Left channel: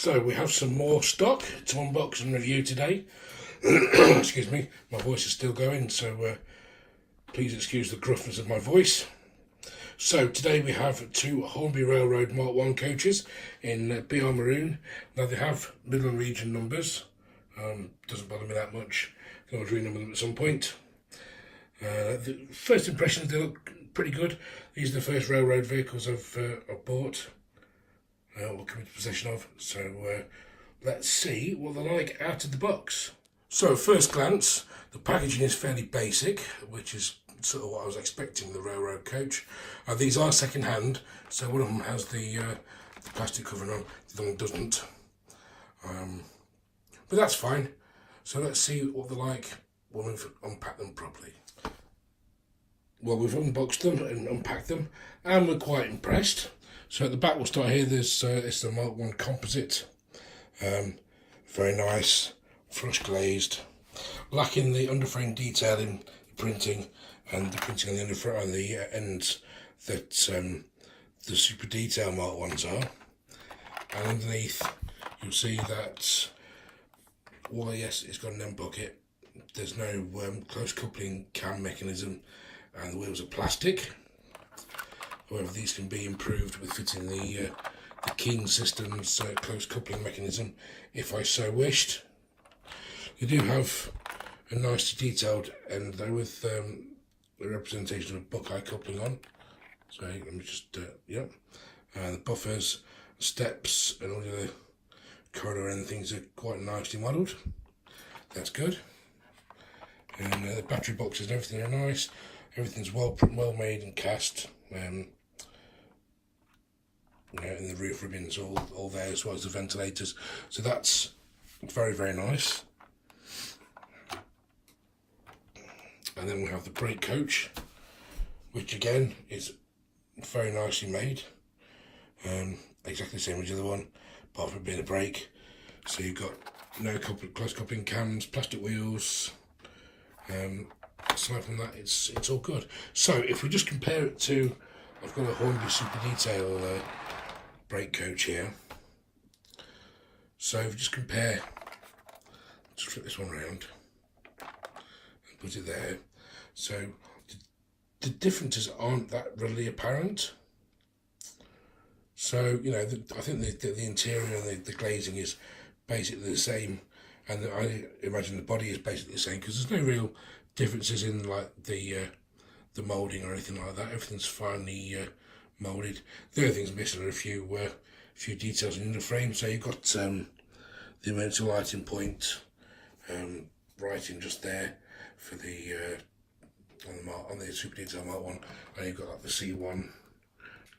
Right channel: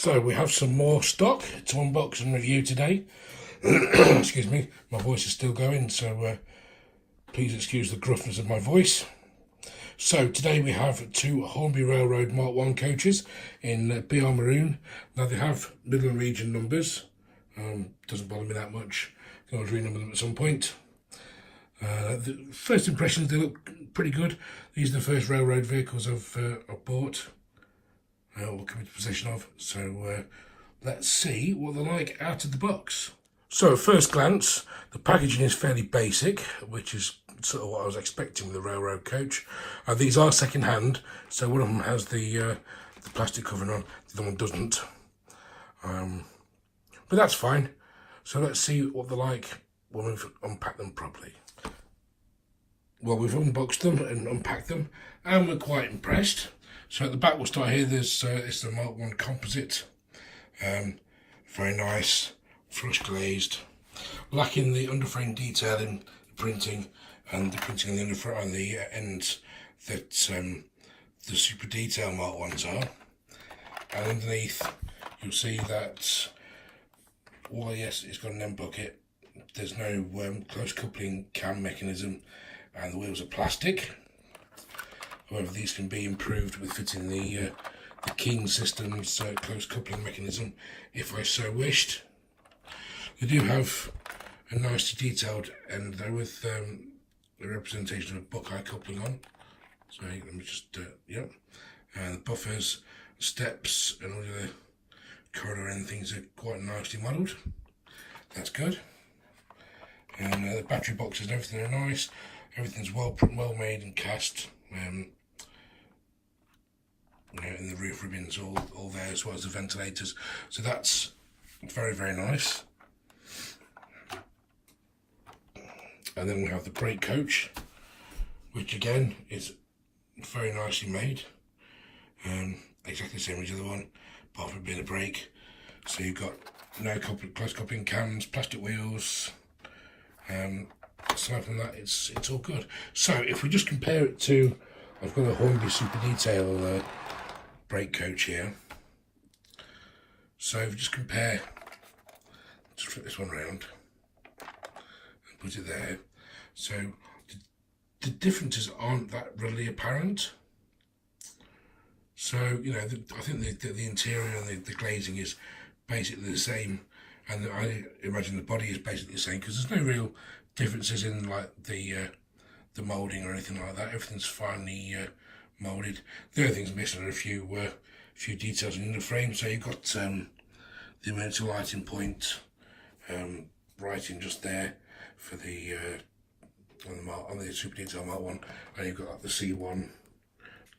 So we have some more stock to unbox and review today. Excuse me, my voice is still going, so please excuse the gruffness of my voice. So today we have two Hornby Railroad MK1 coaches in BR Maroon. Now they have Midland region numbers, doesn't bother me that much, can always renumber them at some point. The first impressions, they look pretty good. These are the first railroad vehicles I've bought, or come into possession of, so let's see what they're like out of the box. So at first glance, the packaging is fairly basic, which is sort of what I was expecting with the railroad coach. These are second hand, so one of them has the plastic covering on, the other one doesn't. But that's fine. So let's see what they're like when we've unpacked them properly. Well, we've unboxed them and unpacked them, and we're quite impressed. So at the back, we'll start here. There's it's the MK1 composite, very nice, flush glazed, lacking the underframe detail in the printing and the printing on the underframe on the ends that the super detail MK1s are. And underneath, you'll see that while yes, it's got an end bucket, there's no close coupling cam mechanism, and the wheels are plastic. However, these can be improved with fitting the King system's close coupling mechanism, if I so wished. They do have a nicely detailed end though, with a representation of Buckeye coupling on. So let me just, yep. And the buffers, steps, and all the corridor and things are quite nicely modelled. That's good. And the battery boxes and everything are nice. Everything's well made and cast. You know, and the roof ribbons all there, as well as the ventilators. So that's very, very nice. And then we have the brake coach, which again is very nicely made. Exactly the same as the other one, apart from a bit of brake. So you've got no close coupling cams, plastic wheels. Aside from that, it's all good. So if we just compare it to, I've got a Hornby Super Detail brake coach here. So if we just compare, just flip this one around and put it there. So the differences aren't that readily apparent. So, you know, I think the interior and the glazing is basically the same, and I imagine the body is basically the same, because there's no real differences in like the moulding or anything like that. Everything's finely moulded. The only things missing are a few details in the frame. So you've got the emergency lighting point writing just there for the on the Super Detail MK1, and you've got like the C1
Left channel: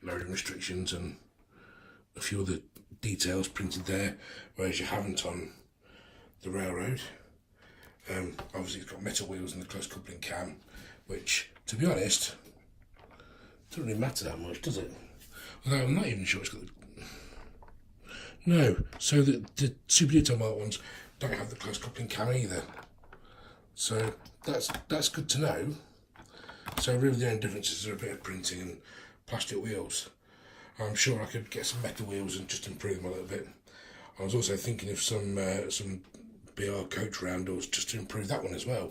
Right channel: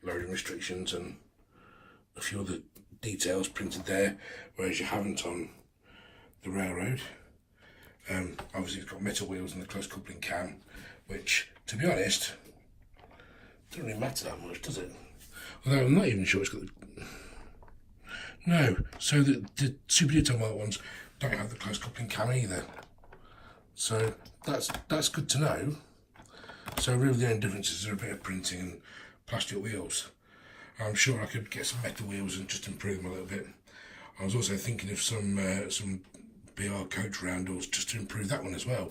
loading restrictions and a few other details printed there, whereas you haven't on the railroad. Obviously it's got metal wheels and the close coupling cam, which, to be honest, doesn't really matter that much, does it? Although I'm not even sure it's got the... No, so the Super Detail MK1s don't have the close coupling cam either. So that's good to know. So really the only differences are a bit of printing and plastic wheels. I'm sure I could get some metal wheels and just improve them a little bit. I was also thinking of some BR coach roundels just to improve that one as well.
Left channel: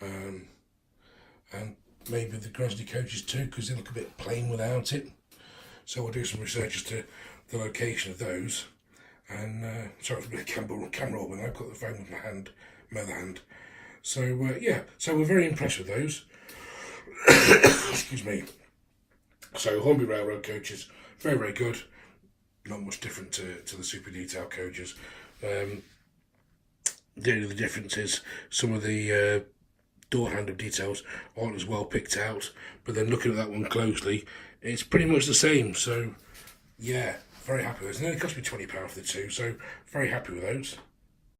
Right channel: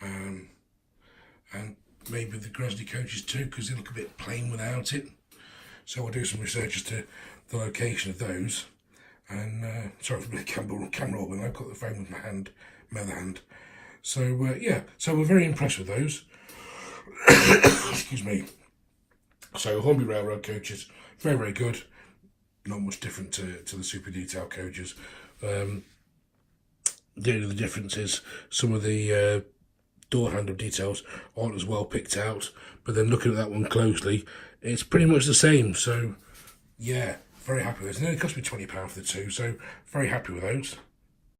And maybe the Grizzly coaches too, because they look a bit plain without it. So we'll do some research as to the location of those. And sorry for a bit of camera when I've got the phone with my other hand. So yeah, so we're very impressed with those. Excuse me. So Hornby Railroad coaches, very, very good. Not much different to the Super Detail coaches. The only difference is some of the door handle details aren't as well picked out, but then looking at that one closely, it's pretty much the same. So yeah, very happy with those. And it only cost me £20 for the two, so very happy with those.